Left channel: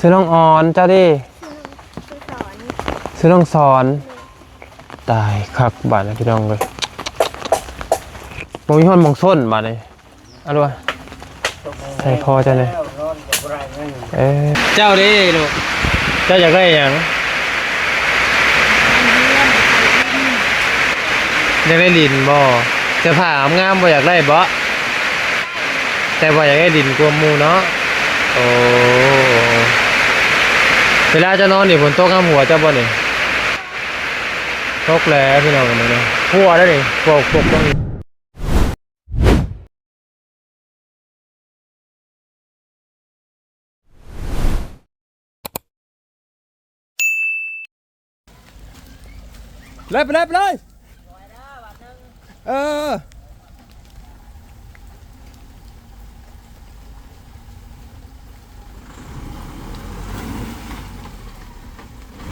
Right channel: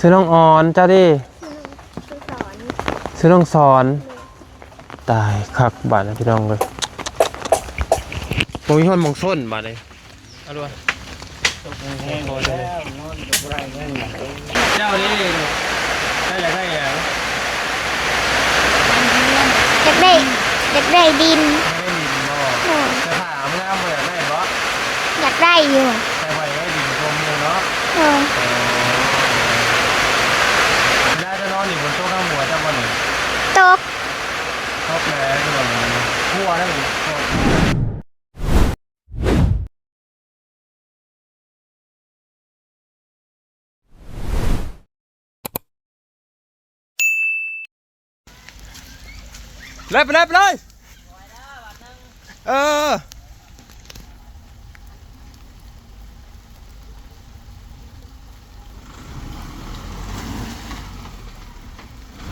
ซื้อน้องออนเจ้าดิซื้อน้องสอนตายคักบาดนะพี่น้องเลยมองย้อนมองส้นบาดเลยเอาดูใส่คอเจ้าเลยเจ้าดิลูกเจ้าอยากได้ยังอยากได้ดินอยากได้ดินบ่จะถามงามบ่อยากได้บ่อยากได้อยู่แต่บ่อยากได้ดินกลัวมูเนาะโอ้เวลาจะนอนนี่ฝนตกข้ามหัวจะบ่นี่ตกแล้วพี่น้องกันเลยหัวได้ดิปกต้องเลยไปเลย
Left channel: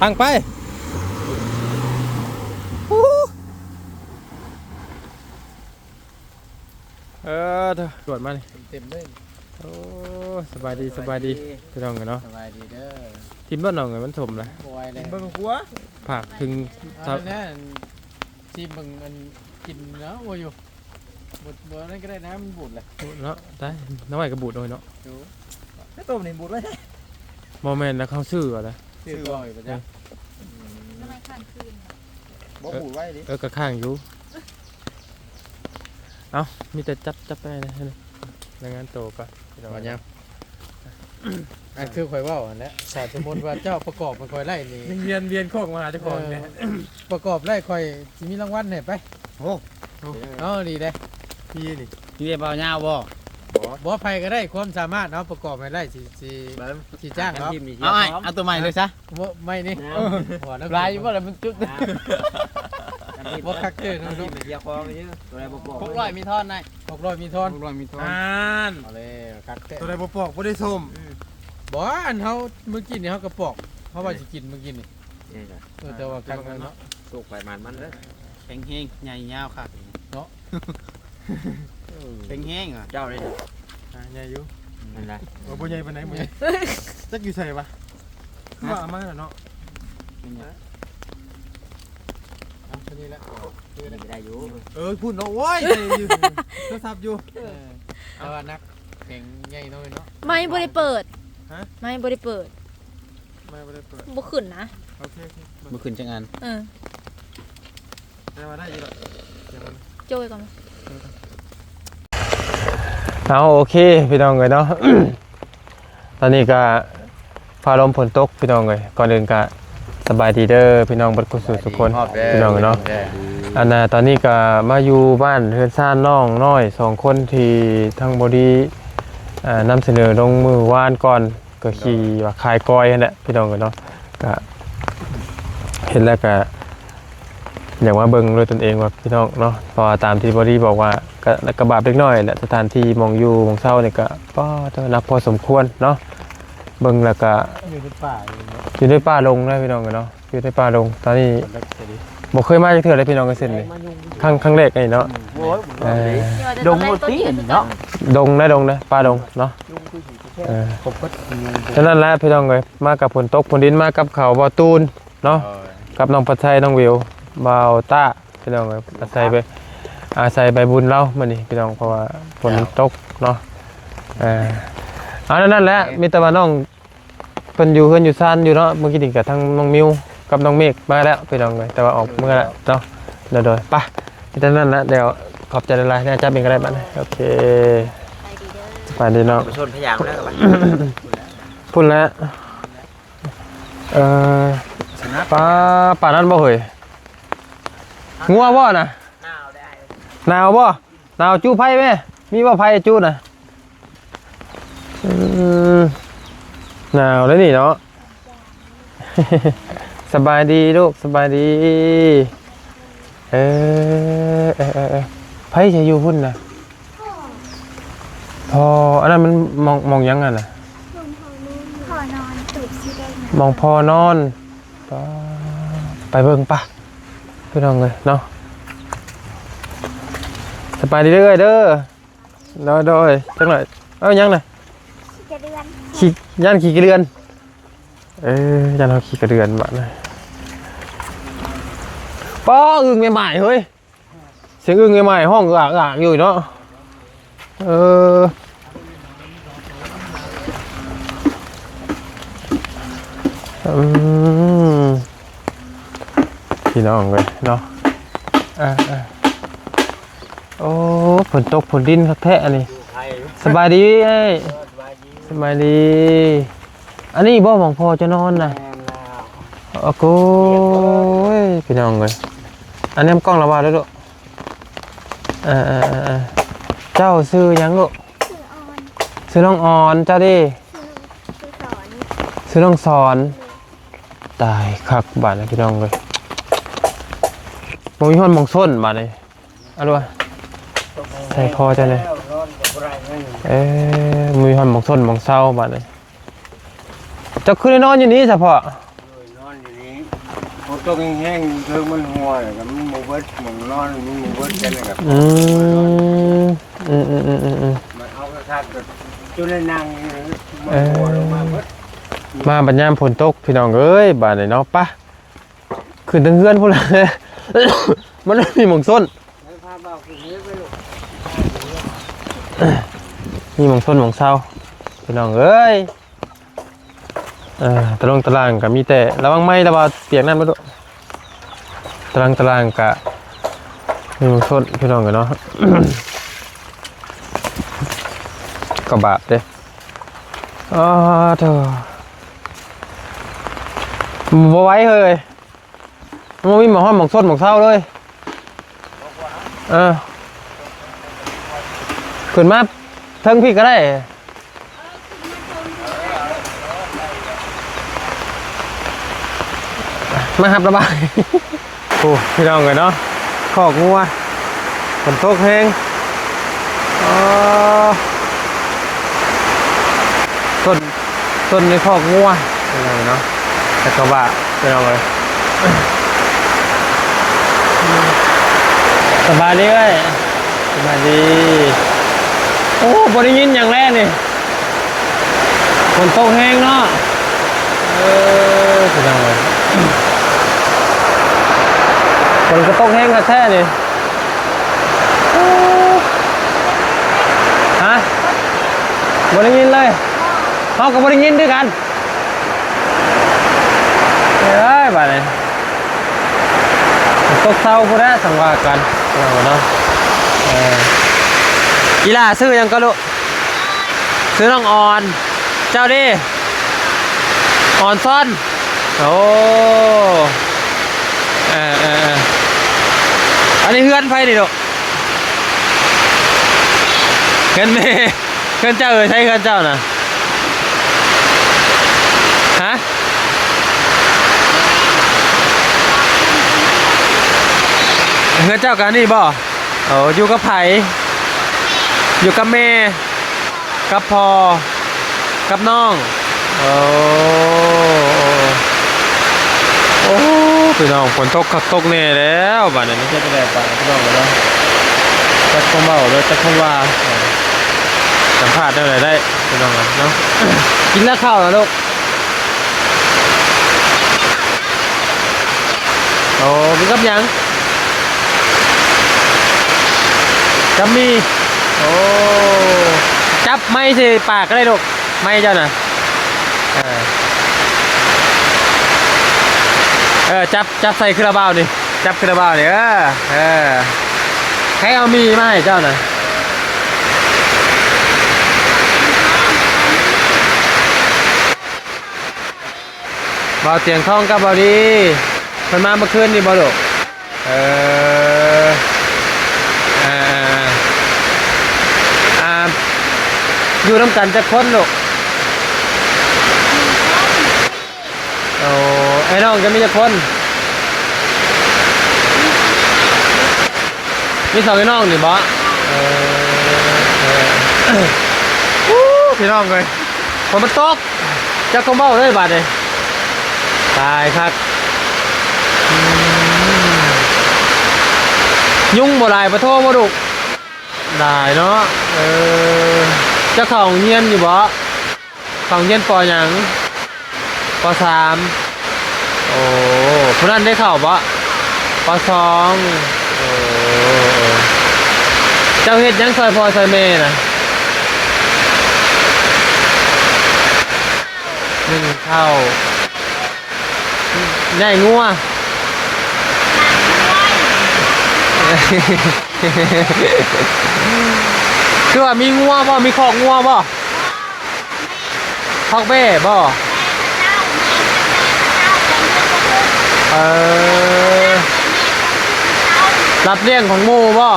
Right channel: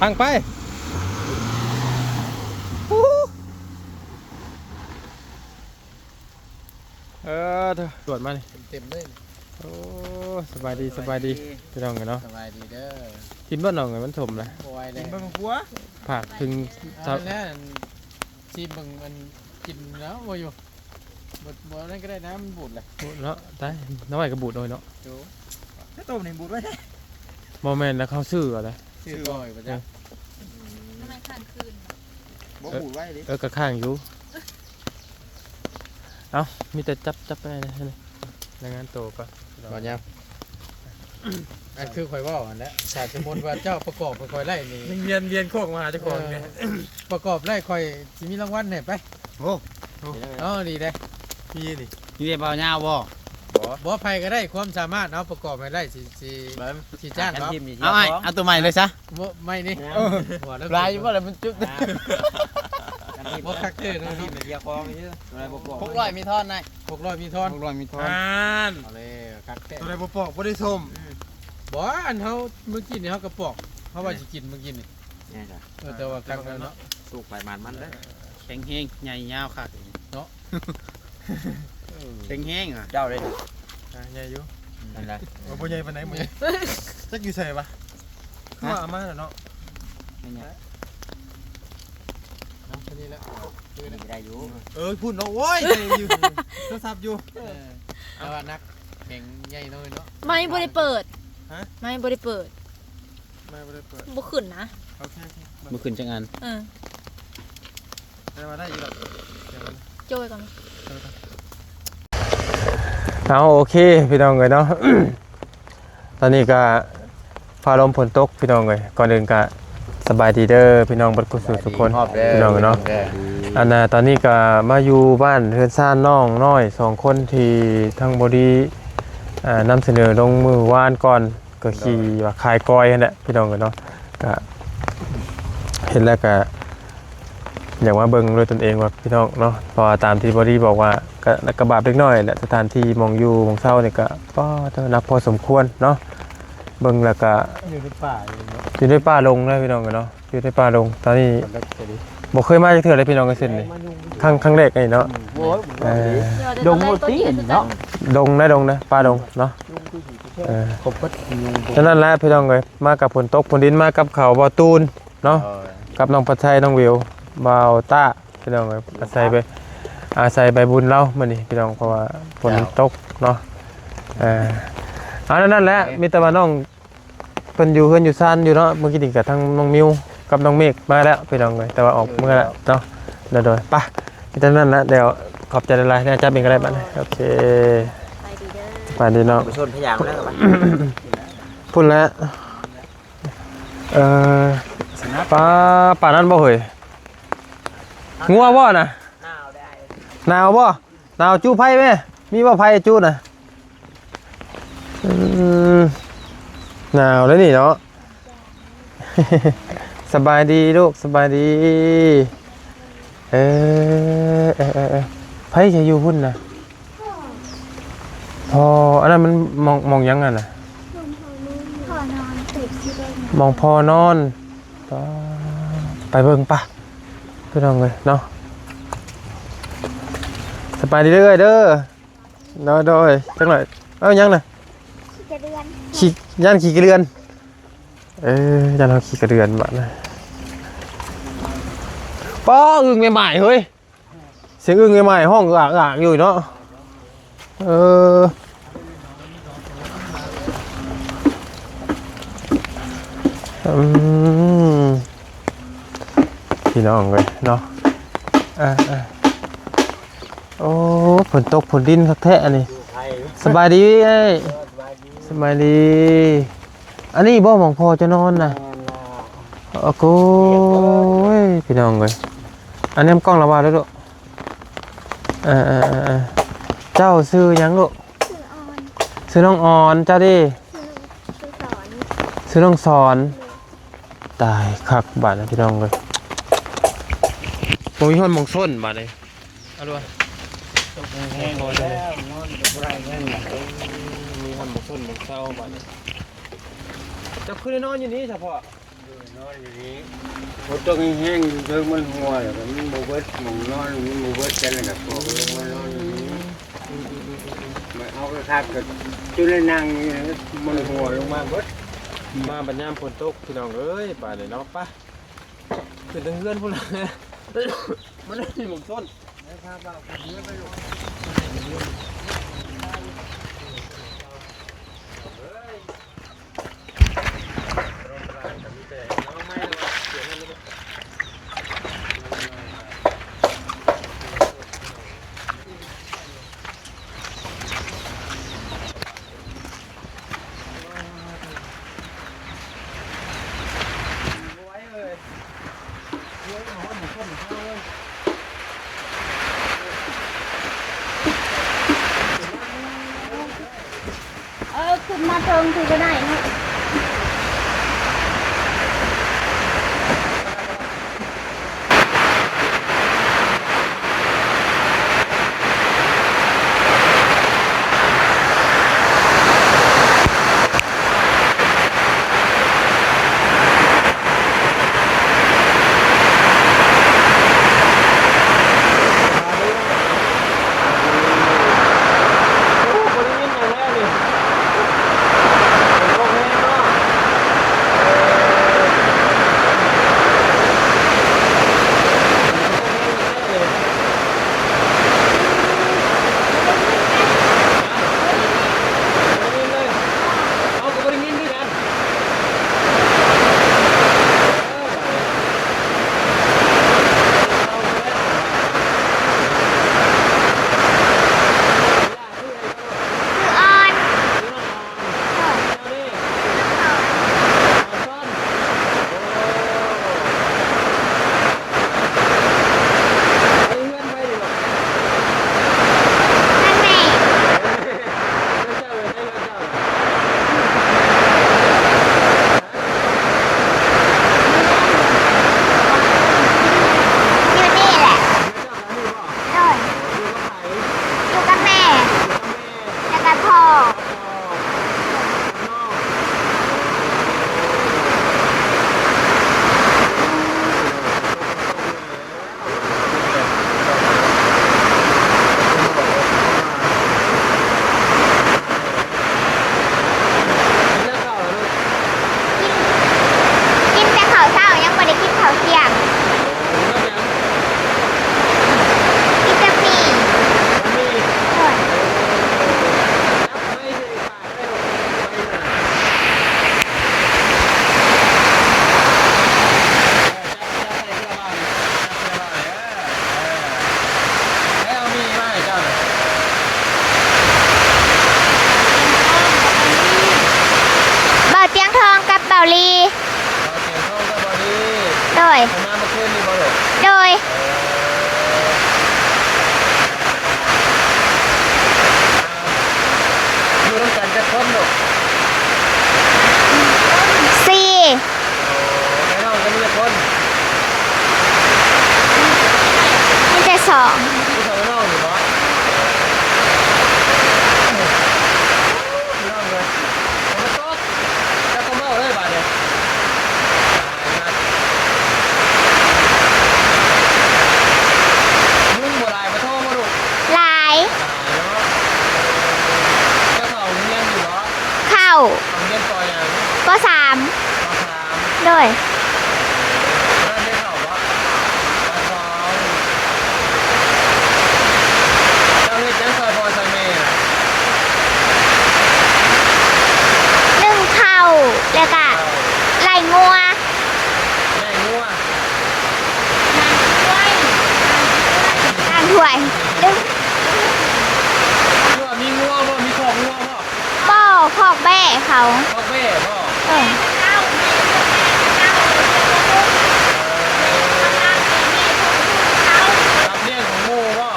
พังไปตรวจมาเลยเต็มเลยโอ้สบายดีพี่น้องกันเนาะสบายดีเด้อทีมบ้านน้องกันมันถมเลยบ้านของผัวผักถึงทับนี่ทีมมันกินแล้วว่าอยู่บ่นั่นก็ได้นะมันบูดเลยเนาะได้น้องใหม่ก็บูดเลยเนาะถ้าต้มนี่บูดไว้โมเมนต์แล้วเขาซื้ออะไรซื้อบ่อยไปจ้ะทำไมข้างคืนบ่บูดไว้ดิกระข้างอยู่เอ้ามีแต่จับไปนะในงานโตก็บ่ยังอันคือข่อยว่าอันแล้วถ้าสมมุติว่าเจ้าประกอบข่อยไล่นี่เวียนโคกมาเจ้าของเนี่ยประกอบไล่ข่อยสิมีรางวัลให้ไปโอ้ดีเด้มีเบาหน้าบ่ไผก็ได้ความสามารถเนาะประกอบให้ได้สิจ้างเนาะเอาตัวใหม่เลยซะบ่ไม่นี่ลายบ่แล้วมันจุดบ่คักเด้อนี่เดียวของนี่ตัวใดบ่ปอก600มีทอนได้600มีทอนเอาเลยคักแท้ตัวใดบ่ปอกบ่ได้ส้มบ่อันเฮามื้อกินนี่เฮาก็ปอกเพราะว่าสิกินมื้อกินนี่แต่ว่าคักเนาะสุกใบมันเด้อแข็งแห้งใหญ่ยาวคักเนาะแข็งแห้งอ่ะเจ้าเลยใหญ่อยู่นั่นล่ะบ่ใหญ่ปานไหนบ่ใหญ่จักอยู่ไสวะคือว่าอามาน่ะเนาะนี่แหละคือได้อยู่พูดเนาะโว้ยอยู่โทรศัพท์อยู่เอาว่านักแข็งใหญ่น้อยเนาะไม่บ่ได้เปิดฮะไม่บ่ได้เปิดบ่ขึ้นนะโอเคบ่ขึ้นจังอันได้มาได้อีกแล้วเดี๋ยวมันโจยก่อนเอาโอเคพี่น้องเลยเนาะ ตอนนี้ก็ฟ้าลมฝนตกพี่น้องเลยก่อนอื่นก็สบายดีเด้อพี่น้องบัดกุศลทุกคนพี่น้องเนาะอันน่ะตอนนี้ก็มาอยู่บ้านเฮือนซ่านน้องน้อย2คนที่ทั้งบอดี้นำเสนอลงมือวานก่อนก็ขี่ว่าขายก้อยนั่นแหละพี่น้องกันเนาะก็เห็นแล้วก็อยากมาเบิ่งด้วยตนเองว่าพี่น้องเนาะพอตามที่บอดี้บอกว่าก็กระบาดเล็กน้อยแหละสถานที่มองอยู่มองเศร้าเนี่ยก็นับพอสมควรเนาะเบิ่งแล้วก็อยู่ในป่าลงนะพี่น้องกันเนาะอยู่ในป่าลงตอนนี้บ่เคยมาจักเทื่อเลยพี่น้องกันเส้นนี่ครั้งแรกนี่เนาะดงหมดตีเนาะดงนะป่าดงเนาะครบก็ฉะนั้นแหละพี่น้องเอ้ยมากับฝนตกฝนดินมากับเขาบ่อตูนเนาะกับน้องปัดชัยน้องวิวบ่าวต้าพี่น้องเอ้ยอาศัยใบบุญเรามื้อนี้พี่น้องเพราะว่าฝนตกเนาะนั่นแหละมีแต่ว่าน้องเพิ่นอยู่เฮือนอยู่ซ่านอยู่เนาะเมื่อกี้นี่ก็ทั้งน้องมิวกับน้องเมฆมาแล้วพี่น้องเอ้ยแต่ว่าออกเมื่อแล้วเนาะโดยไปมีแต่นั้นนะเดี๋ยวขอบใจหลายๆนะจ๊ะเป็นก็ได้บัดนี้โอเคไปดีเนาะชนพยางแล้วบัดพุ่นแล้วป่านั้นบ่เฮ้ยงัวบ่น่ะหนาวบ่หนาวจู้ไผ่แม่มีบ่ไผ่จู้น่ะหนาวแล้วนี่เนาะ สบายดีลูกสบายดีไผ่จะอยู่พุ่นน่ะพออันนั้นมันมองยังไงน่ะมองพอนอนไปเบิ่งป่ะพี่น้องเลยเนาะสบายดีเด้อโดยจังหน่อยยังน่ะขี่ย่านขี่กระเรือน ยันเขาขี่กระเดือนบ้านนะป้ออึ่งใหม่ๆเฮ้ยเสียงอึ่งใหม่ๆห้องอ่างอยู่เนาะพี่น้องเลยเนาะโอ้ฝนตกฝนดินคักแท้อันนี้สบายดีไอ้สบายดีอันนี้บ่หมองพอจะนอนนะโอ้โหพี่น้องเลยอันนี้กล้องระบายด้วยลูกเจ้าซื้อยังลูกซื้อน้องออนเจ้าดิซื้อน้องสอนตายคักบาดนะพี่น้องเลยมองยี่ห้อมองส้นบาดเลยอะไรวะใส่คอจะเลยมีห้อมองส้นมองเศร้าบาดเลยจะขึ้นนอนอยู่นี้เฉพาะนอนอยู่นี้ฝนตกแห้งๆเรื่องมันหัวแบบมันมูเบิดหมุนนอนมันมูเบิดกันเลยครับมันเอากระทักกับจุดนั่งมันหัวลงมาเบิดมาบัดยามฝนตกพี่น้องเอ้ยบาดเลยเนาะปะขึ้นตั้งเฮือนพวกเรามันไม่มีมองส้นมีมองส้นมองเศร้าพี่น้องเอ้ยตารางกับมีแต่ระวังไม้ระวังเปียกนั่นมาดูตารางกับมีมองส้นพี่น้องกันเนาะกระบะเด้เถอะมาไว้เลยมันมีหมองห้องหมองส้นหมองเศร้าเลยขึ้นมาเทิงพี่ก็ได้ขึ้นมาเทิงพี่ก็ได้มาหับระบายโอ้พี่น้องกันเนาะขอกงัวฝนตกเพลงต้นนี้ขอกงัวเนาะกระบะพี่น้องเลยสบายดีเลยสบายดีโอ้บริยินอย่างแรกนี่ฝนตกแห้งเนาะฝนก็ตกแห้งแท้เลยฮะบริยินเลยเขากับบริยินด้วยกันเฮ้ยบาดเลยตกเศร้าก็ได้สังวากันเนาะอีล่าซื้อยังก็ลูกซื้อน้องออนเจ้าดิออนซ่อนโอ้อันนี้เพื่อนไฟดิลูกเพื่อนเมย์เพื่อนเจ้าใช่เพื่อนเจ้านะฮะเพื่อนเจ้ากันนี่บ่โอ้อยู่กับไผ่อยู่กับแม่กับพ่อกับน้องโอ้พี่น้องฝนตกคักตกแน่แล้วบ้านนี้มันจะแดดตายน้องแล้วจะคงเบาเลยจะคงว่าสัมภาษณ์ได้เลยได้พี่น้องเนาะกินแล้วข้าวแล้วลูกกินแต่ข้าวเช้ายังไม่ได้กินข้าวเที่ยงโอ้มันกับยังกับมีโอ้จับไม่สิปากก็ได้ลูกไม่เจ้าน่ะจับใส่คาราบาวนี่จับคาราบาวนี่ให้เอามีมาให้เจ้าน่ะบ่าวเตียงทองกับบ่าวลีบ่าวเตียงทองกับบ่าวลีโดยเพิ่นมาเมื่อคืนนี่บ่ลูกโดยอยู่น้ำกันจะพ้นลูก4โอ้ไอ้น้องจะมีจะพ้นมีแต่2มี2ไอ้น้องนี่บอสพี่น้องไงฝนมันตกจะคงเบ้าเลยบาดเลยตายครับยุ่งบ่ลายปะโทบ่ดุลายเนาะจะของเงียนอยู่บ่เข้าของเงียนปอหยังป.3 ปสาม โดย โอ้ผู้นั้นได้ข่าวปะปสองเจ้าเฮ็ดยังซอยพอซอยเมย์นะ นึ่งข้าวแล้วก็ เข้า ไล่งัว ใหญ่งัว ด้วย คือว่ามีงัวบ่มีคอกงัวบ่ ก็คอกแม่เขา คอกเบ้บ่ เออรับเลี้ยงของหมู่บ่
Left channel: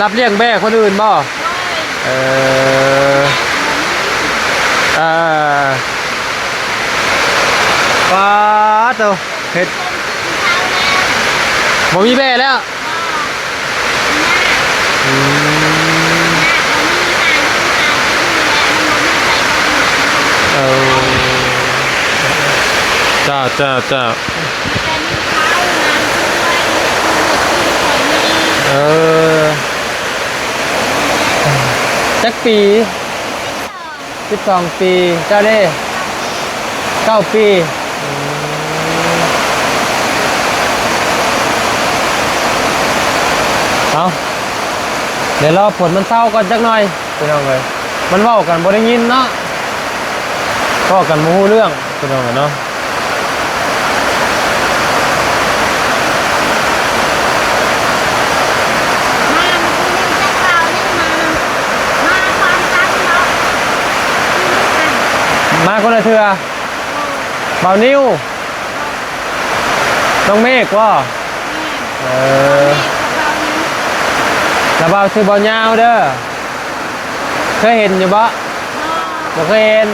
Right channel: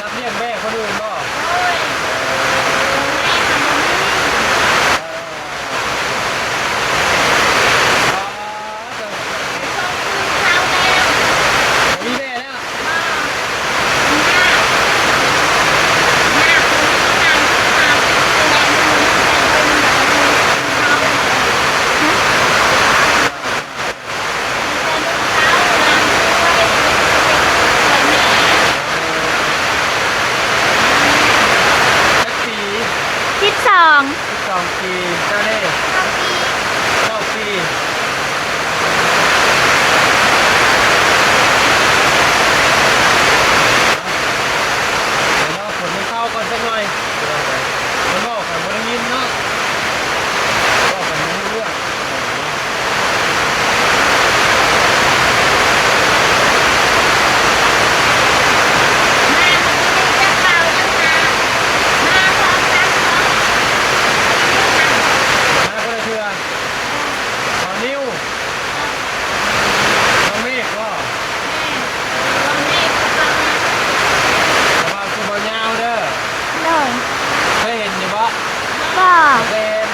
รับเลี้ยงแม่คนอื่นบ่เออป้าเจ้าเฮ็ดบ่มีแม่แล้วจ้าจักปี12 ปีเจ้าเล่9 ปีเอาเดี๋ยวรอผลมันเศร้าก่อนจักหน่อยเป็นยังไงมันเว้ากันบ่ได้ยินเนาะเว้ากันบ่รู้เรื่องเป็นยังไงเนาะมาคนละเทือเบานิ้วน้องเมฆว่าแล้วเบาคือเบาเงาเด้อเคยเห็นอยู่บ่เคยเห็น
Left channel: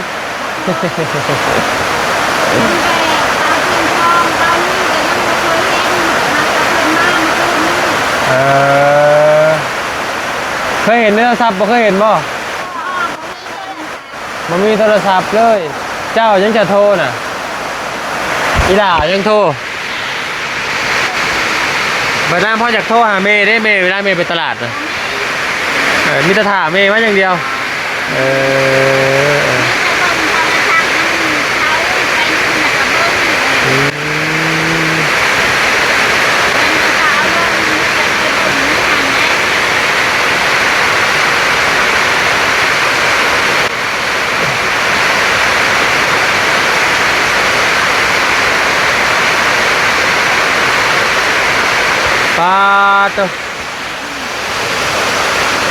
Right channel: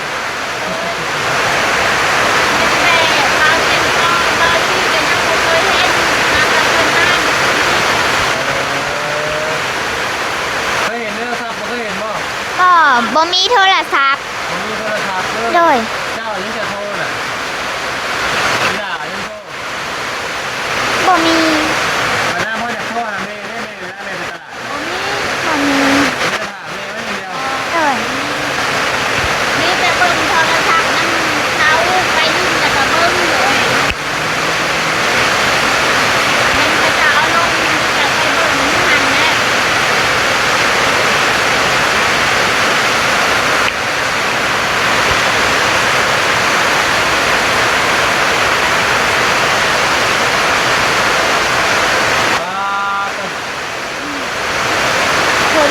เคยเห็นในโทรศัพท์บ่เคยเห็นบ่ก็บ่มีโทรศัพท์บ่มีโทรศัพท์เลยเจ้ายังจะโทรน่ะอีหล่ายังโทรบ่มีเวลาพ่ออยากโทรหาเมย์ได้เมย์เวลาเมย์ไปตลาดน่ะมีแต่ถามเมย์ว่าอย่างเดียวมีแต่เบิ่งโทรศัพท์เขาไปดูน่ะก็เบิ่งสาวลง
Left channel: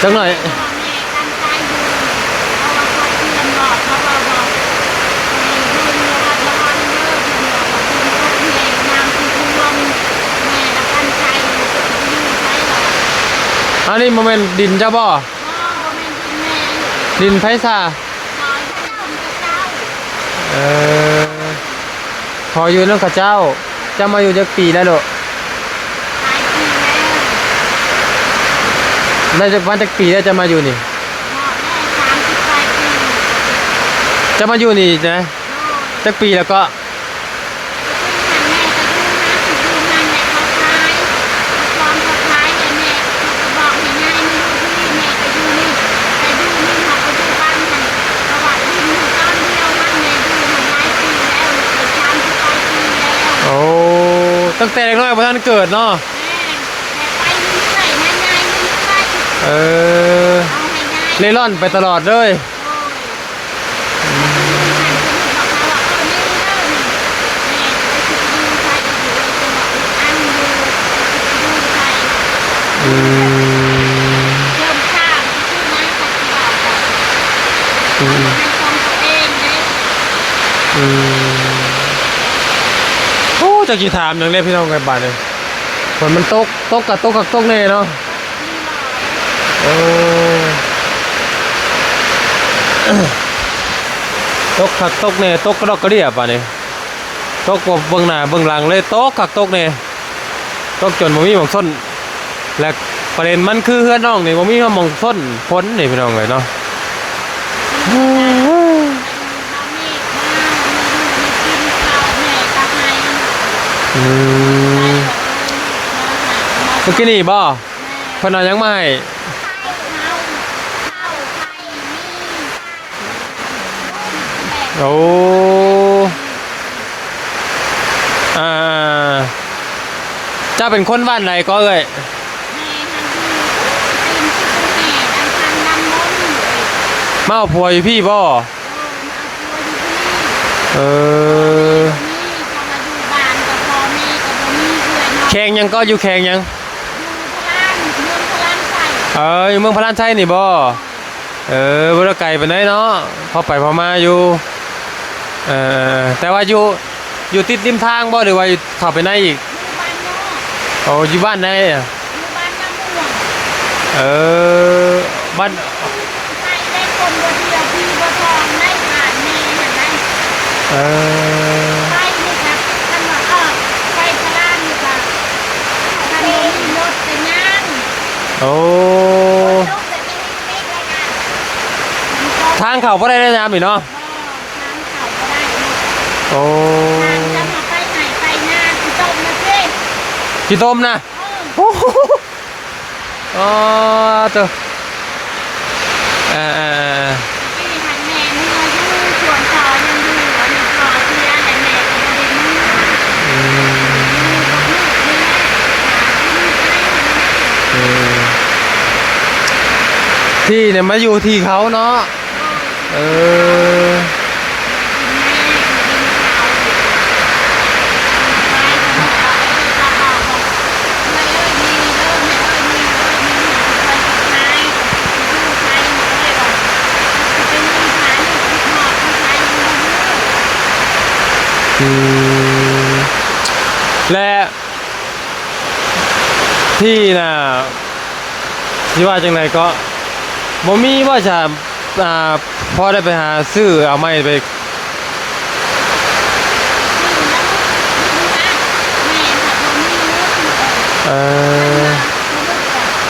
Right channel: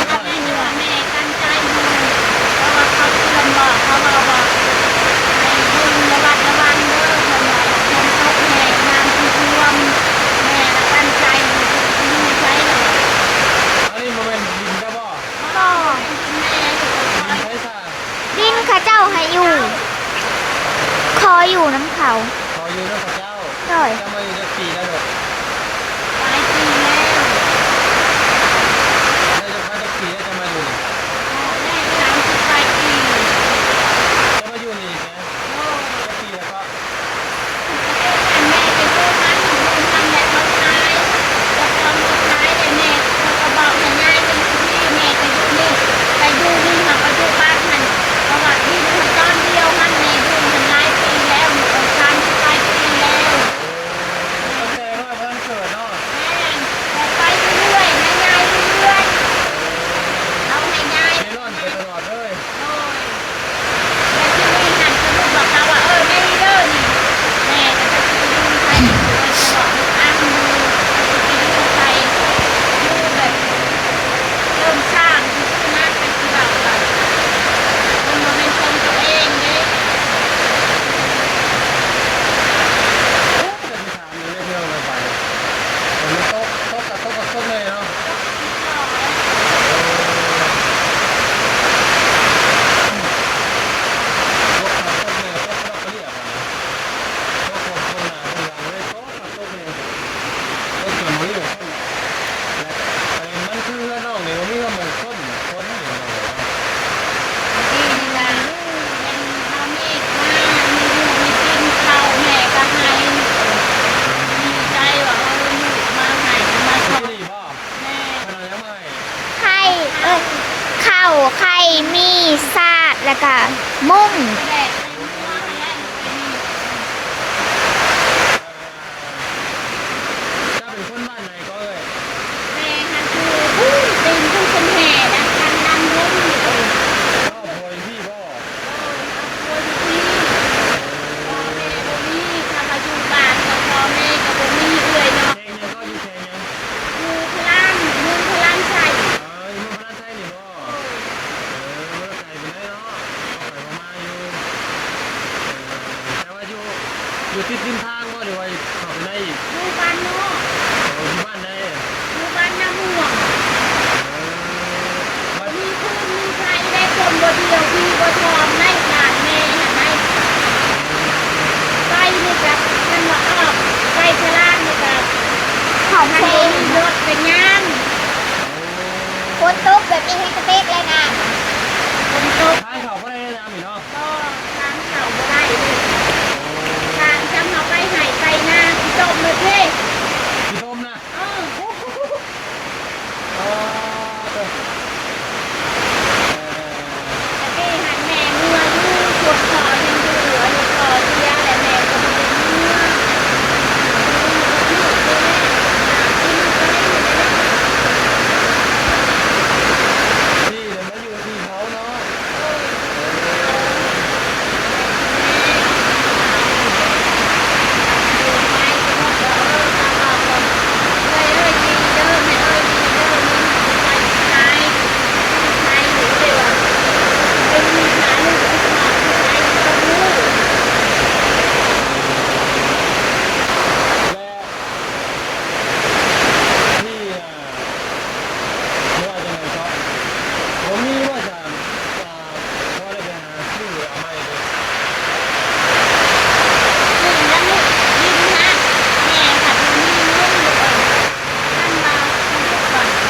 จังหน่อยอันนี้โมเมนต์ดินเจ้าบ่ดินไพศาลดินข้าเจ้าให้อยู่คออยู่น้ำเขาคออยู่น้ำข้าเจ้าจะมาอยู่จักปีได้หรอน่าจะวันจักปีแล้วจะมาอยู่นี่จะมาอยู่นี่นะจักปีแล้วก็โอ้ตั้งแต่เด็กน้อยพอท่านเกิดเนาะไปเรื่อยๆง่ายๆเรื่อยเล่ร่อนไปตลอดเลยโอ้จะกี่ถามอย่างเล่พี่น้องไงบ้านเลยฝนมันตกกับตกเลยเนาะตกเนี่ยตกกระดอกกระเดียบป่ะเนี่ยตกเบื้องหน้าเบื้องหลังเลยตกเนี่ยตกจนผมมีหมองส้นและประเด็นมันคือเพื่อนน้องนี่ผมมีหมองส้นพ้นนี่พี่น้องเลยเนาะเมื่อกี้นี่บ่คนเอายังไม่ข้าวไข่มีซาดแล้วก็มุ้งโอ้ เป็นคนบ้านไหนก็เอ้ย แม่ค่ะคือเป็นแม่ดังคันดังน้อง มาเอาผัวอยู่พี่บ่เออแข่งยังก็อยู่แข่งยังอยู่เมืองพระลานชัยนี่บ่บ่ได้ไกลปานใดเนาะพอไปพอมาอยู่แต่ว่าอยู่ติดริมทางบ่หรือว่าอยู่เข้าไปในอีกโอ้อยู่บ้านไหนอ่ะบ้านไปดีกว่ามันว่าไปตลาดดีกว่าเขาไปรถไปงาน โอ้ คนลุกแบบนี้ให้กระเบกเลยนะ ทางเข้าบ่ได้น้ำอีกเนาะ ทางเขาก็ได้ โอ้ ทางจะมาไปไหนไปงานจบเลยพี่ กี่ต้มนะอ๋อตัวเอ๊ะหัดแม่เงินกู้ตรวจสอบอยู่หรือก่อนที่จะอะไรแม่ก็ไม่ได้ที่เนี่ยมาอยู่ที่เขาเนาะและที่น่ะที่ว่าจังไรก็บ่มีว่าจะพอได้ไปหาซื้อเอาไม้ไป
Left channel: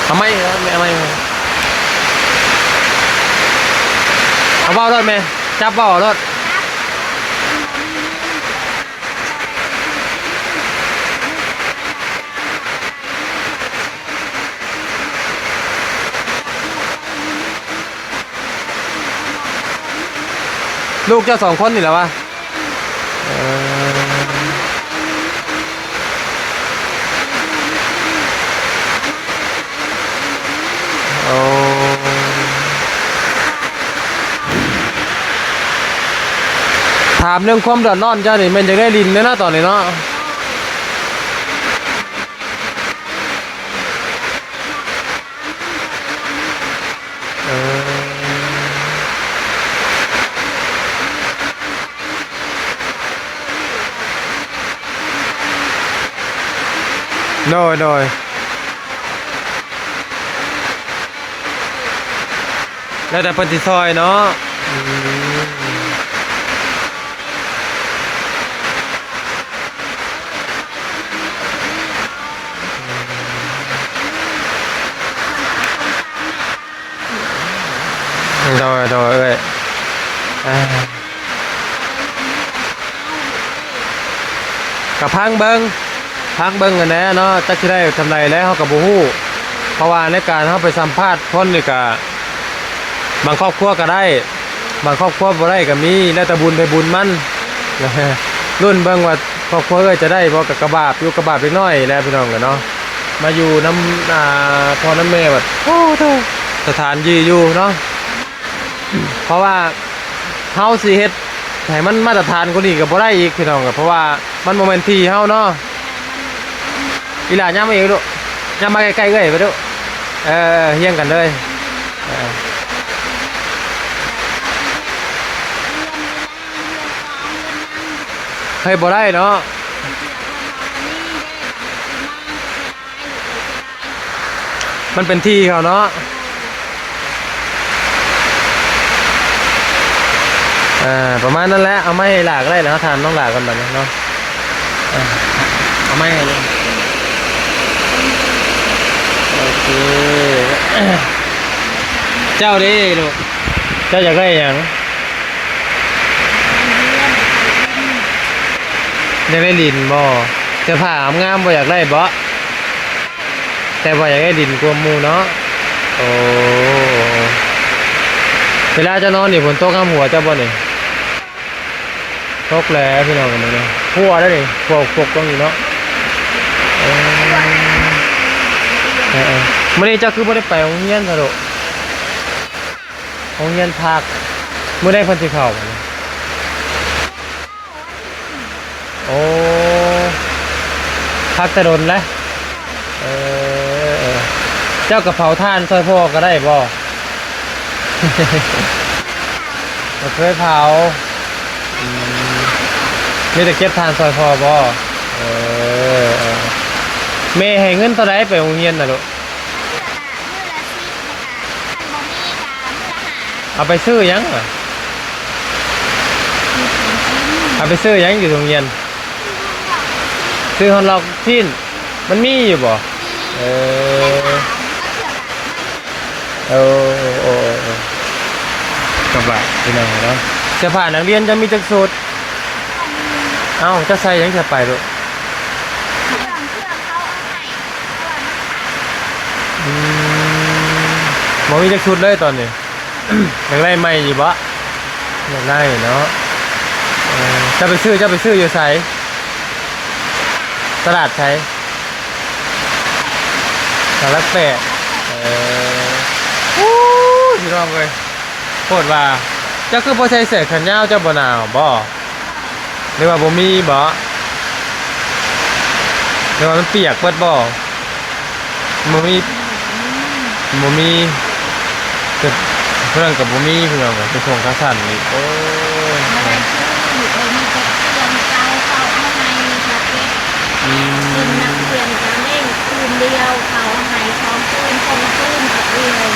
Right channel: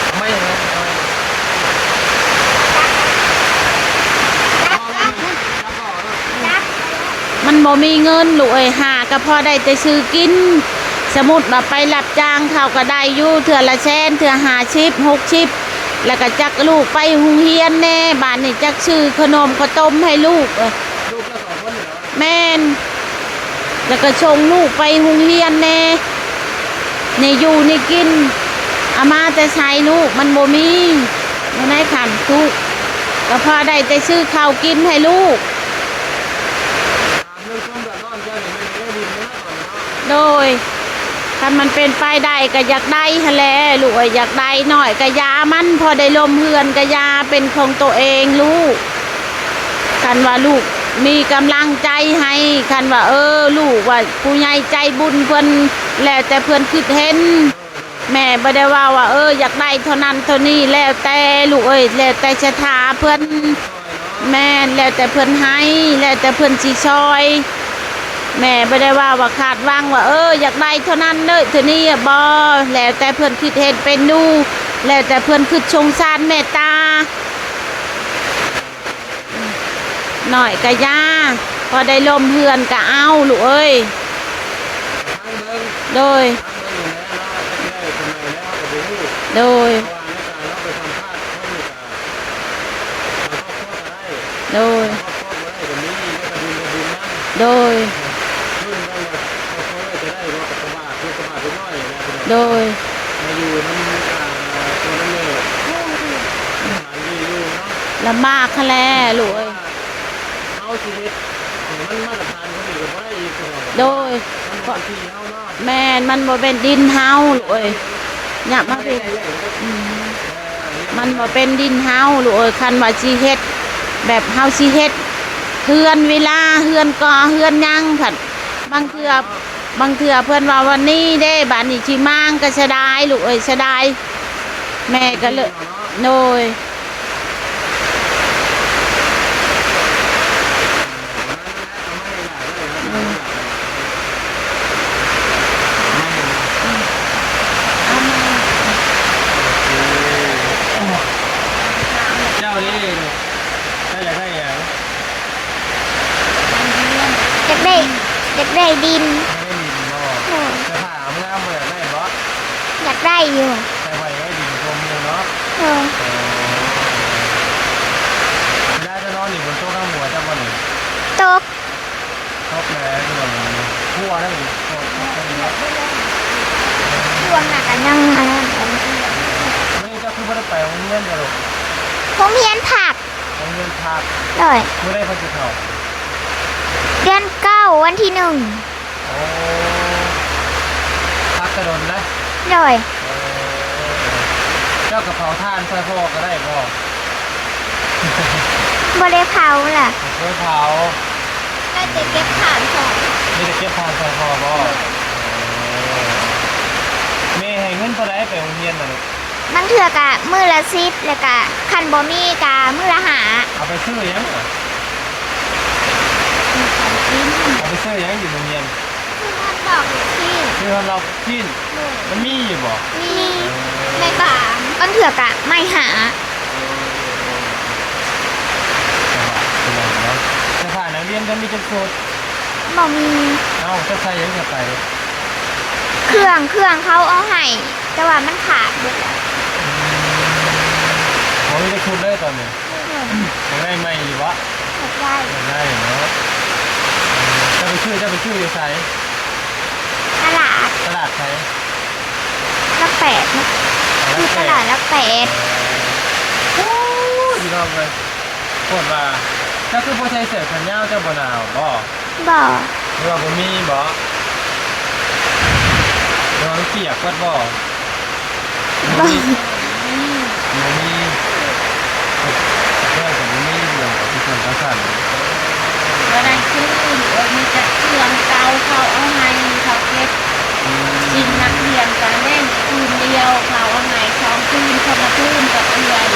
เอาไม้ครับเอาไม้เอาเบารถไหมจับเบารถ มันบ่มีเงินลูกเอ้ยหาก็พอได้แต่ซื้อกินสมมุติว่าไปรับจ้างเขาก็ได้อยู่เทื่อละแสนเทื่อ50 60แล้วก็จักลูกไปโรงเรียนแน่บ้านนี่จักซื้อขนมข้าวต้มให้ลูก ลูกเจ้าสองคนนี่แหละวะ แม่นแล้วก็ส่งลูกไปโรงเรียนแน่นี่อยู่นี่กินอามาแต่ใช้ลูกมันบ่มีในขันทุกแล้วพอได้แต่ซื้อข้าวกินให้ลูก ถามเรื่องความเดือดร้อนเจ้านี่มันจะได้ดินเนาะตอนนี้เนาะโดยถ้ามันเป็นไปได้ก็อยากได้ฮะแหละลูกอยากได้หน่อยก็ยามันพอได้ลมเฮือนก็ยาเป็นของตัวเองลูกคันว่าลูกมีกำลังใจให้คันว่าลูกว่าผู้ใหญ่ใจบุญเพิ่นแล้วแต่เพิ่นคิดเห็นโดยแม่บ่ได้ว่าอยากได้เท่านั้นเท่านี้แล้วแต่ลูกแล้วแต่ศรัทธาเพิ่นแล้วแต่เพิ่นสิซอยเนาะแม่แล้วแต่เพิ่นให้แล้วแต่เพิ่นสิซอยแม่บ่ได้ว่าขาดวางว่าอยากได้เท่านั้นเลยเท่านี้บ่แล้วแต่เพิ่นคิดเฮ็ดเป็นดูแล้วแต่เพิ่นคิดสงสารเมตตาโดยเอ้ยหน่อยก็ย่าพอได้ลมเฮือนก็เอาลูกเอ้ยก็พังเบิ่งโดยพังเบิ่งกันแน่เนาะจักสิได้กำไรแล้วเฮาก็บ่ฮู้โดยเพราะว่าในการเฮาไปสัมภาษณ์คนนี่ก็บางครอบครัวก็ได้บางครอบครัวบ่ได้ก็มีแล้วแต่บุญได้บุญมันโดยรุ่นเบิ่งว่าครอบครัวเอ้ยจะได้บ่ก็กระบาบอยู่กระบาบเล็กน้อยแล้วพี่น้องเนาะมาอยู่น้ำพ่อน้ำแม่บัดโอ้โธ่สถานที่อยู่เนาะลำบากแล้ลูกเพราะว่าเฮาสิเฮ็ดให้มันมาตรฐานกว่านี้ก็บ่ได้อีกพี่น้องเพราะว่ามันบ่แม่นที่เฮาเนาะแม่นมันบ่เป็นดินเฮาอีหล่าย่ำอีกลูกย่ำมาใกล้ๆเอ้ยไปดูเฮียงกันเลยมันบ่เป็นดินเฮาลูกคันว่าสิเฮ็ดแบบเฮาสิเฮ็ดเฮือนเวลาเฮือนก่อเฮือนยังผัดเฮ้ยบ่ได้เนาะบางเทื่อเพิ่นว่าวันนี้เด้บ้านนี้สิมางก็เสียดายลูกเสียดายมันเป็นที่เขาเนาะโดยประมาณนั้นแหละเอาไม้หลากได้นะทานต้องหลากกันแบบนี้เนาะไม่โอเคเจ้าดิลูกเจ้าอยากได้อย่างอยากได้ดินอยากได้ดินบ่จะถามงามบ่อยากได้บ่อยากได้อยู่แต่บ่อยากได้ดินกวมมูเนาะโอ้เวลาจะนอนนี่ฝนตกข้ามหัวจะบ่นี่ตกแล้วพี่น้องกันเลยหัวได้นี่พวกตรงนี้เนาะ มื้อนี้เจ้าคือบ่ได้ไปโรงเรียนซะลูก โรงเรียนผัก โรงเรียนพัก เลย มื้อใดเพิ่นสิเข้า เดือน9วันที่1 โอ้พักแตะดนนะ เลย เออเจ้ากระเพราท่านซอยพ่อก็ได้บ่ บ่ได้เผาล่ะ บ่เคยเผา ไม่ได้เก็บผักค่ะ มีแต่เก็บทานซอยพ่อบ่เออแม่ให้เงินเท่าใดไปโรงเรียนน่ะลูก มันเถื่อกะมือละ10แล้วก็คันบ่มีกะมือละหา เอาไปซื้อหยังน่ะเอาไปซื้อหยังอยู่โรงเรียน ดอกที่ ซื้อฮอนล็อกชิ้นมันมีอยู่บ่ มี เอ ใน อ ป่ามันเถื่อกะไม่หา โอ้สบายพี่น้องเนาะเสื้อผ้านักเรียนจะมีจักสูตร บ่มี เอ้าจะใส่หยังจะไปลูก เครื่องเขาเอาให้แต่ว่ามันขาดหมดแล้ว บ่มีจักชุดเลยตอนนี้ อยากได้ใหม่อยู่บ่ ได้ อยากได้เนาะจะไปซื้ออยู่ไส ตลาด ตลาดไส ละแปด ตลาดแปด ตลาดละแปด อู้พี่น้องเอ้ยโคตรว่าเจ้าคือบ่ใส่เสื้อแขนยาวเจ้าบ่หนาวบ่ บ่ หรือว่าบ่มีบ่หรือว่ามันเปียกเบิดบ่บ่มีเกิดเรื่องกับบ่มีพี่น้องไปส่งเขาสั่นอีกโอ้ เมื่อได้ซื้อจะเสื้อเขาเอาให้เขาเก็บชิ้นนักเรียนกันเล่นคืนเดียวเขาเอาให้เขาคืนคนละคืนนักเรียน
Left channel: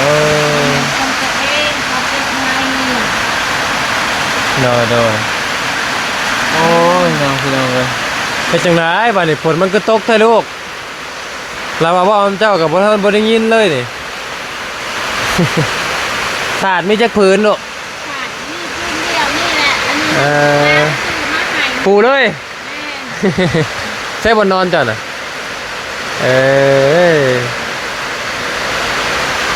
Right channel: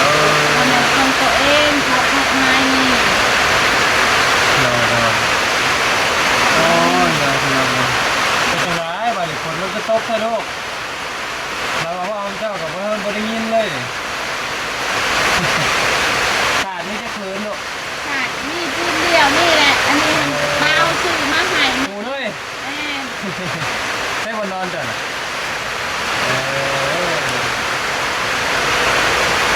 เออ เขาตัวเองเขาพกให้ โดยโอ้ยน้องพี่น้องเอ้ยเป็นจังไดบัดนี้ฝนมันก็ตกแท้ลูกเราว่าเจ้ากับบ่ได้ยินเลยนี่ สาดมีจักพื้นลูก ขาดนี่เดียวนี่แหละอันนี้เราซื้อมาให้ ปูเลยใช่บนนอนจ้ะน่ะ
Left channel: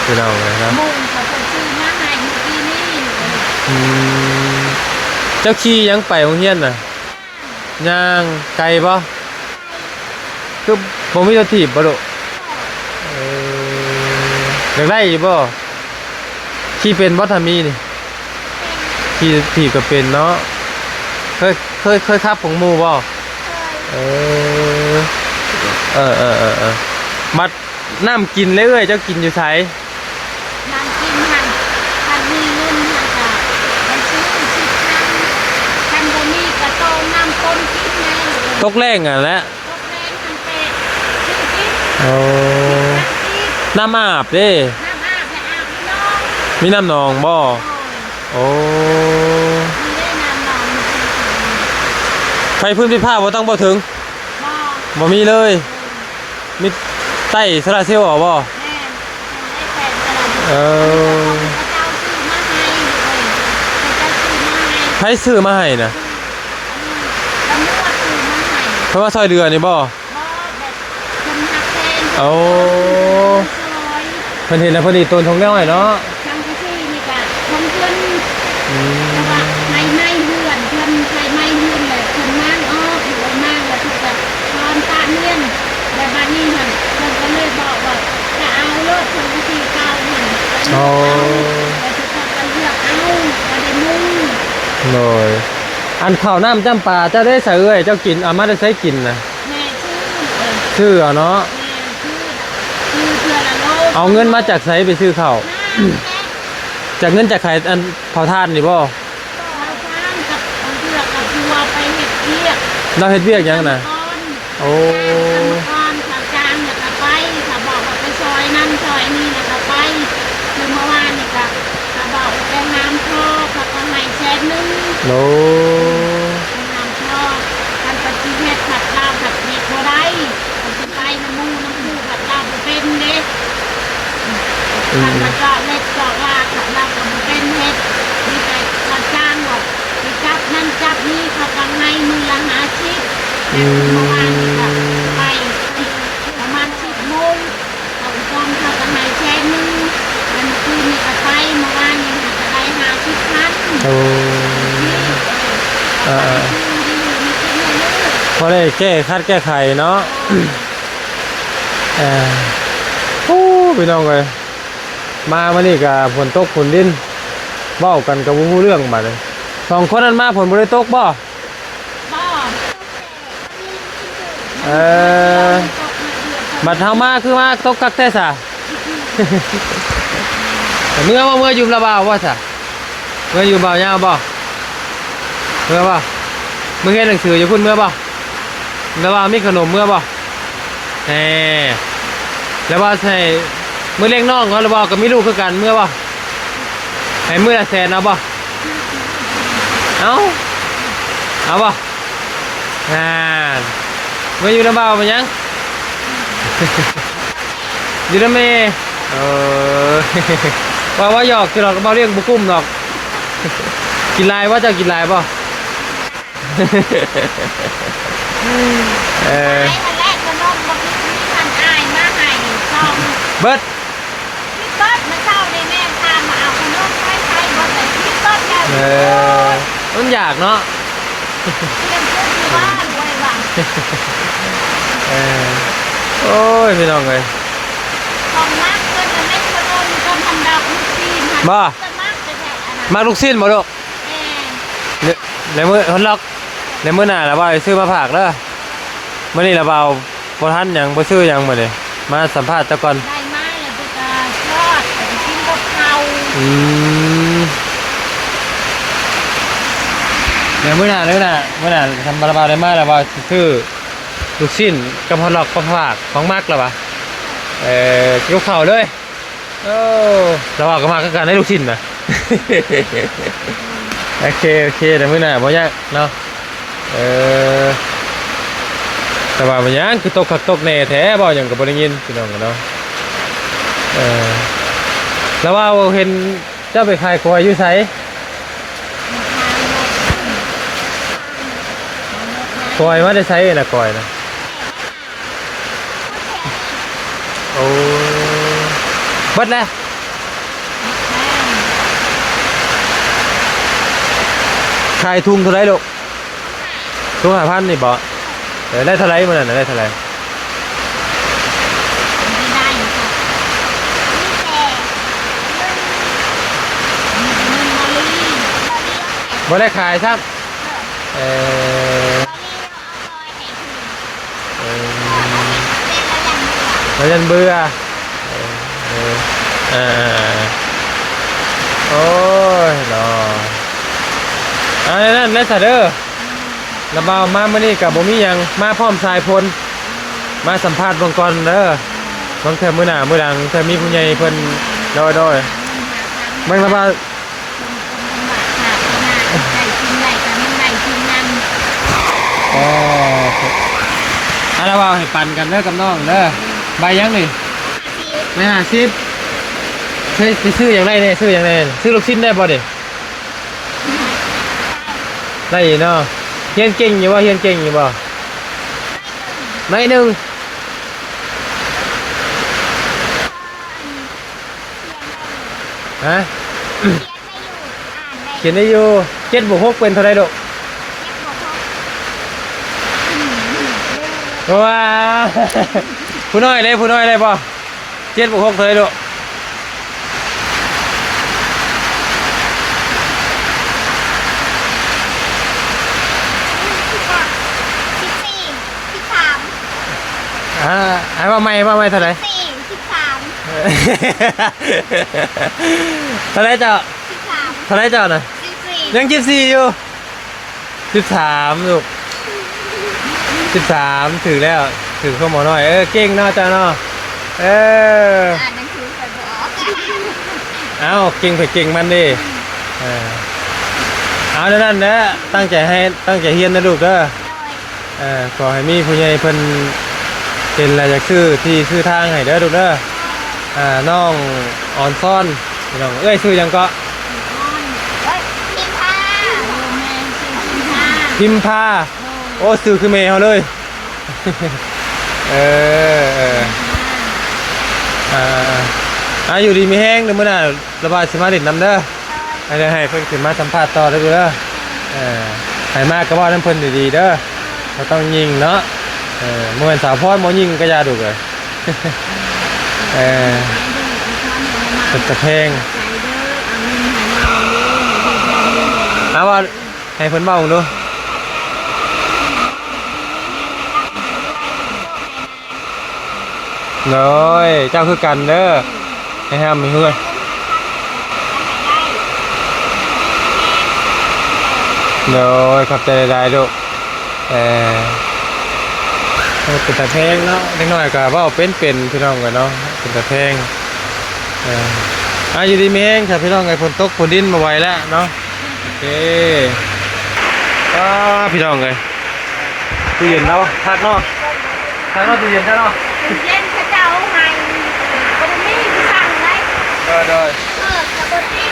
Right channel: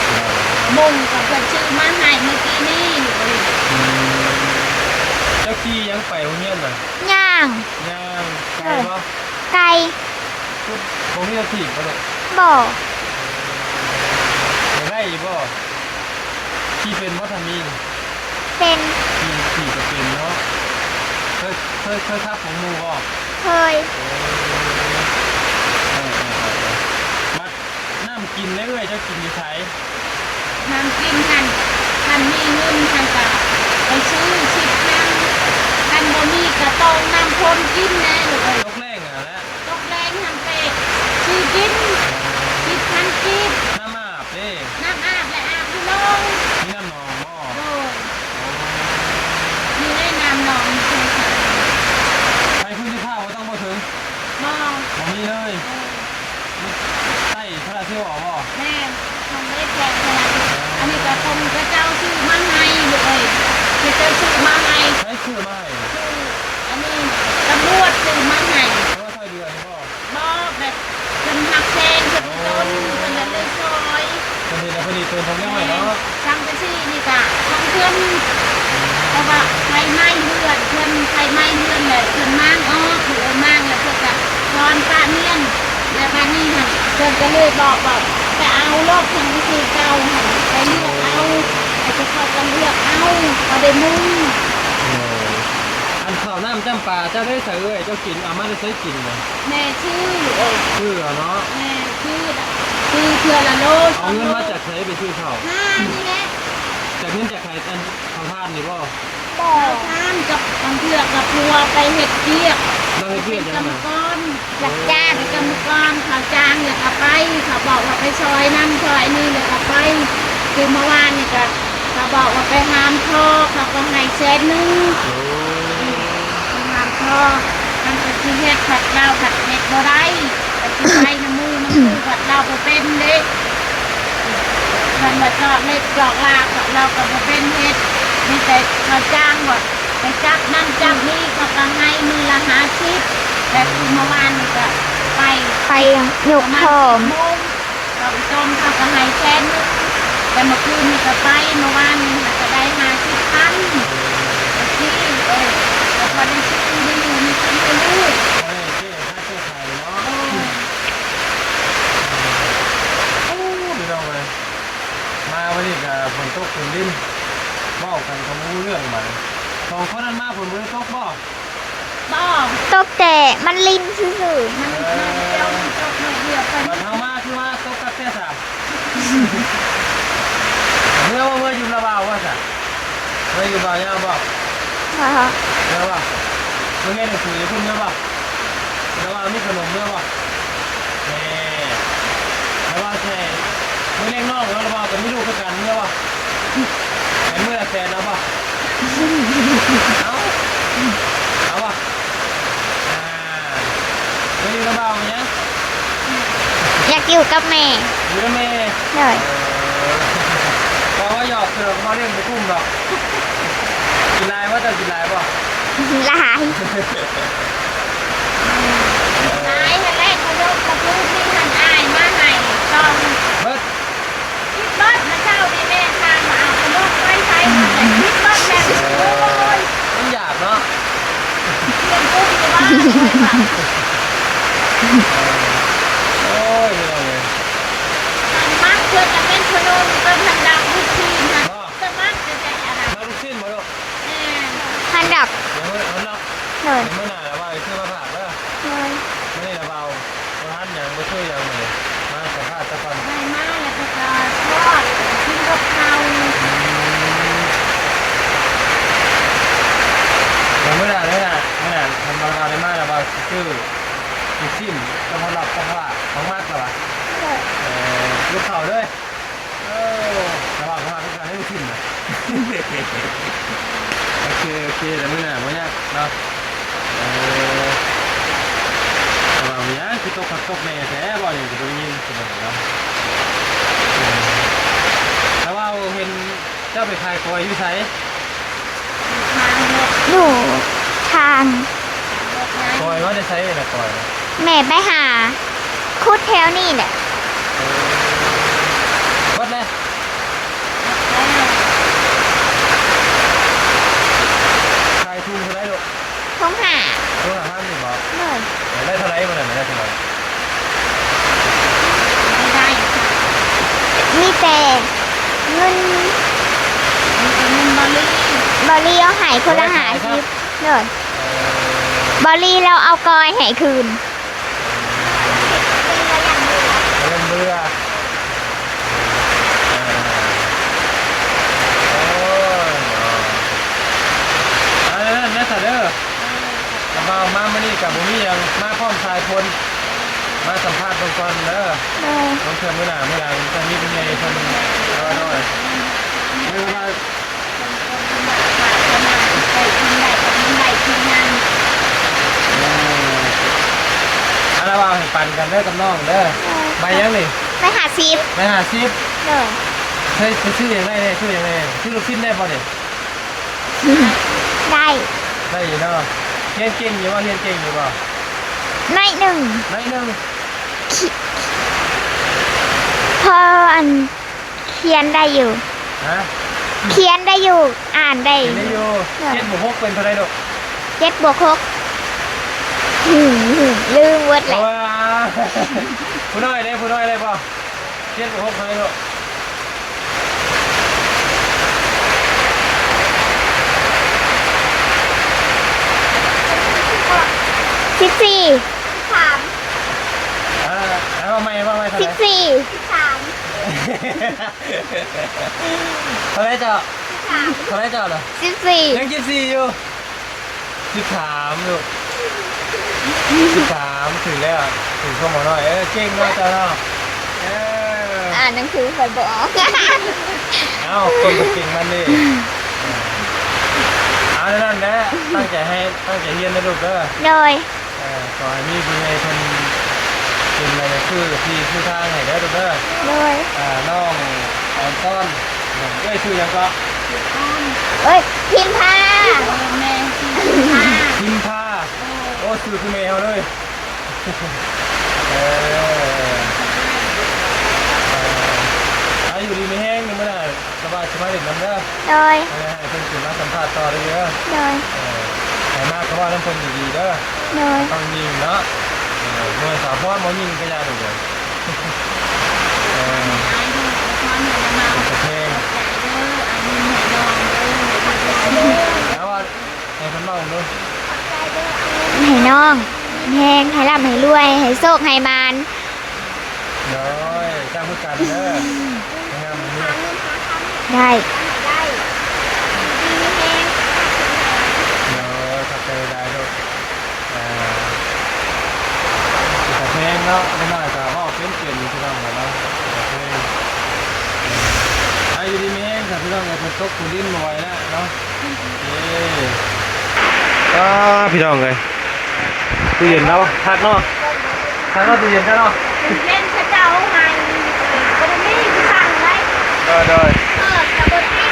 พี่น้องนะครับ บุ้งก็จะซื้อมาให้เมื่อกี้นี่ เจ้าขี้ยังไปโรงเรียนน่ะ ย่าง ย่างไกลบ่ ไก่ คือบ่มีรถถีบบ่ลูก บ่ อยากได้อยู่บ่ขี่เป็นบ่ถ้ามีนี่ เป็น ขี่ถีบก็เป็นเนาะเคยขับของหมู่บ่ เคย มัดน้ำกินเลยเอ้ยเจ้ากินอยู่ไส ทำกินทันมีเงินทันกับไปซื้อกันบ่มีกระโตงน้ำพ่นกินแน่หรือ ตกแรงอ่ะแหละ ตกแรงทำเป็ดคือกิน โอ้ ทำกิน น้ำอาบเด้ น้ำอาบและอาบที่น้อง มีน้ำหนองบ่ โอ้ โอ้ มีได้น้ำน้อง ไฟพื้นที่ผ้าบ่ต้องบ่ถึง ก็ บ่มีเลย มีใต้โซลาร์เซลล์บ่ แม่ทำได้แต่สลัด เออ เจ้าซื้อมาให้เลยเจ้าซื้อมาให้ ใช้ซื้อมาให้น่ะ อันนี้ตำรวจซื้อมาให้ เพราะว่าซอยเดือนนี่บ่ ก็แบบคนหักแทน โอ้ ซอย เพิ่นเห็นแล้วเพิ่นอีต้นทงน้อยเนาะ ทำไปสินี่กะของเพื่อนแต่ว่าไฟไหม้เพื่อนเพื่อนไฟไหม้เพื่อนแหละเพื่อนมั่งถือว่ามั่งแล้วเพื่อนแบบตอนป้าเนียนแต่บ้านนี้ค่ะเพื่อนก็เลยบอกว่าจะเอาก็ทำไปเก่าหันไป โอ้ แต่จะต้องกันเลือกเอาประเด็นมุ่ง โดยอันข้าวน้ำจำปาเจ้าได้ใส่เอ้ยเจ้ากินเอามาได้ใช้กินน่ะ แม่ชื่อ ชื่อเอาเนาะ แม่ชื่อเพื่อนละโลก เอาเงินมาจากไสไปซื้อข้าว นี่แหละ จากเงินจากใครอันเผาทานนี่บ่ ต่อข้ามกับมันเพื่อกับทัวไปเห็ดเทียบ เราเฮ็ดเวียกหยังน่ะ โอ้ จ้างกันก่อนเขาจ้างเนี่ยก็ไปเขาบอกว่าไปซอยนั่นซอยนี่เนี่ยก็ไปคือเมื่อวานนี่ก็เขาบอกว่าไปหามก็เขาก็ให้แสนนึง โล หามก็ทำปฏิเฮ็ดผัดเหล้าผัดเผ็ดบ่ได้ปฏิไปน้ำมูน้ำมูผัดเหล้าบ่เป็นเด้ทำผัดจอกเล็กจอกลากผัดเหล้าก็บ่เป็นเฮ็ดมีแต่เขาจ้างว่าไปจับนั่นจับนี่เขาก็ให้มือละ50แต่เมื่อวานนี่ก็ไป ไปยก มา ขอ 10 ง โมงเราไปต้มทำกระไรแช่นึงแต่เมื่อคืนนี่ก็ไปเมื่อวานนี่ค่ะจะได้50,000 โอ้ ที่ก็ได้ชื่อได้อยู่มีกินให้ลูก พอได้แก้คัดแก้ไขเนาะ พี่น้องเลยมาวันนี้กับฝนตกฝนดินเบ้ากันกับวู้เรื่องมาเลยสองคนนั้นมาฝนบริตกบ่ ตกแต่มันลินซื่อๆ บัดเฮามาคือมาตกคักแท้ซะ เมื่ออยู่ระบาวว่าซะเมื่ออยู่บ่าวยาวบ่เมื่อบ่มึงเรียนหนังสืออยู่พุ่นเมื่อบ่ระบาวมีขนมเมื่อบ่แหมแล้วว่าใช่มื้อเลี้ยงน้องเนาะระบาวก็มีลูกคือกันเมื่อบ่ให้มื้อละแสนเอาบ่เอาบ่เมื่ออยู่ระบาวมันยัง อยากอยู่กับแม่ อยู่นะแม่ บอกว่าหยอกคือเราก็มาเรียกบุกุ้มหรอก กินลายว่าจะกินลายป่ะ ละหายไอ้ทะเลกระโดดมาตุ้งที่ทันอายมาให้ต้อง เบิด เบิดมาเจ้าในแม่ทางมาเอาลูกไปใช้มาแต่ที่เบิดแล้ว ต้องอยากเนาะ เรื่องพูดว่า โอ้ยพี่น้องเลย ตอนมักเพื่อนกับแม่ชโดมก็ทันดับทุกทีทันมักแต่อะไร มาลูกสิ้นบ่ลูก ทันดับ ในมือทนล็อกในมือหน้าแล้วว่าซื้อมาผักเด้อมื่อนี้เราเบาบ่ทันหยังบ่ซื้อหยังมื้อนี้มาสัมภาษณ์เจ้าก่อน ได้มาแล้วก็ทอดกินกับข้าว ในมื้อหน้าทำบาราบาได้มาแล้วว่าซื้อลูกชิ้นกับฮอทดอกของฝากของมักแล้ววะยกเข่าเลยเราบอกกันมาก็การให้ลูกชิ้นนะ โอเคแต่มื้อหน้าบ่ยากเนาะแต่ว่าบ่ยากคือตกขักตกแน่แท้บ่หยังก็บ่ได้ยินพี่น้องเนาะแล้วว่าเห็นเจ้าไปขายครัวอยู่ไส อยู่ทาง คอยมาได้ใช้น่ะคอยนะ แม่ไปหาคุดแถวนี่แหละ โอ้เบิดแล้วขายทุ่งเท่าไรลูก ของหา ทุ่ง5,000นี่บ่ได้เท่าไรมื้อนั้นได้เท่าไร มีแต่เงินบอลลี่เอาหายคน บ่ได้ ละ ขายซับ เลยบอลลี่เราเอากอยหายคืน แล้วยันเบื่อโอ้ยเนาะอะไรนั่นซะเด้อระบาวมามื้อนี้ก็บ่มีหยังมาพร้อมชายพลมาสัมภาษณ์เบิ่งก่อนเด้อ ต้องเธอมื้อหน้ามื้อหลังเธอมีผู้ใหญ่เพิ่นน้อยๆมันมาว่าอะไรว่าให้ปั่นกันเด้อกับน้องเด้อใบยังนี่ ไปหาซีฟ ไม่50ซื้ออย่างไรเนี่ยซื้ออย่างไรซื้อลูกชิ้นได้บ่เด้ ได้ ได้เนาะเฮียนเก่งอยู่บ่เฮียนเก่งอยู่บ่ น้อยหนึ่ง น้อยนึง พออันเขียนได้อยู่ ฮะ เขียนได้อยู่อ่านได้ เขียนได้อยู่7+6เป็นเท่าไรลูก 7+6ลืมวัด ว้าผู้น้อยเลยบ่7+6เท่าไรลูก 14 ให้ว่าไม่เท่าไหร่ 14 เท่าไหร่เจ้าน่ะ 13 ยัง14อยู่13ลูก13ถึงแล้วถึงข้อหมอน้อยเก่งเนาะจ้าเนาะอ่านหนังสือไปบอก เอ้าเก่งก็เก่งมันดิเอาแล้วนั่นนะตั้งใจเฮียนนะลูกเด้อ โดย ขอให้มีผู้ใหญ่เพิ่นเป็นอะไรคือที่ชื่อทางให้เด้อลูกเด้อ โดย น้องอ่อนซ่อนน้องชื่อหยังก็ เอ้ยพิมพา พิมพาโอ้ซื้อคือเมย์เขาเลย อยู่ดีมีแห้งเด้อมื้อน่ะระบายสมาดินนำเด้อ โดย ให้เพิ่นขึ้นมาสัมภาษณ์ต่อเด้อเด้อ โดย ให้มากก็ว่าน้ำเพิ่นดีๆเด้อ โดย บ่ต้องยิงเนาะเมื่อวันสาวพรบ่ยิงก็อย่าดุเลย เป็นกระเพงเอาว่าให้เพิ่นเมาดู ให้น้องแหงให้ร่ำให้รวยให้โชคให้มาน น้อยเจ้าคือกันเด้อให้ห้ามให้เฮือ ได้ น้อยขับใจได้ดูเป็นกระเพงเนาะนิดหน่อยก็ว่าเป็นพี่น้องกันเนาะเป็นกระเพงอยู่ดีแม่งค่ะพี่น้องไงฝนตกฝนดินมาไวแล้วเนาะโอเคพี่น้องเลยตู้เย็นเนาะทักเนาะตู้เย็นใช่เนาะ เล่นพระเจ้าไงบนนี้ที่สั่งไว้ ได้ กับบนนี้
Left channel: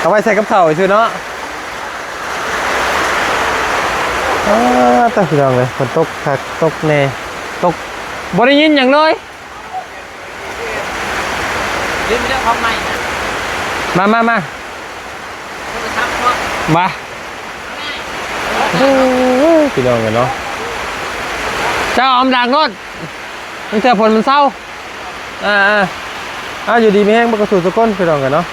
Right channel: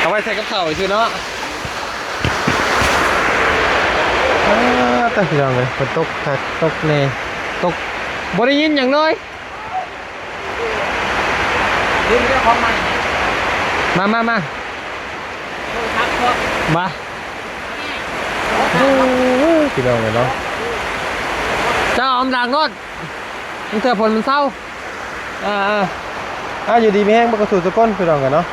เอาไว้ใส่กับข้าวชื่อเนาะต้องพี่น้องเลยฝนตกตกเน่ตกบ่ได้ยินอย่างเลย เรื่องเจ้าของใหม่ มา โทรศัพท์พ่อ มาพี่น้องเลยเนาะเจ้าอมดังรถมันเจอผลมันเศร้าอยู่ดีไม่แห้งมันกระสุนตะก้นพี่น้องกันเนาะ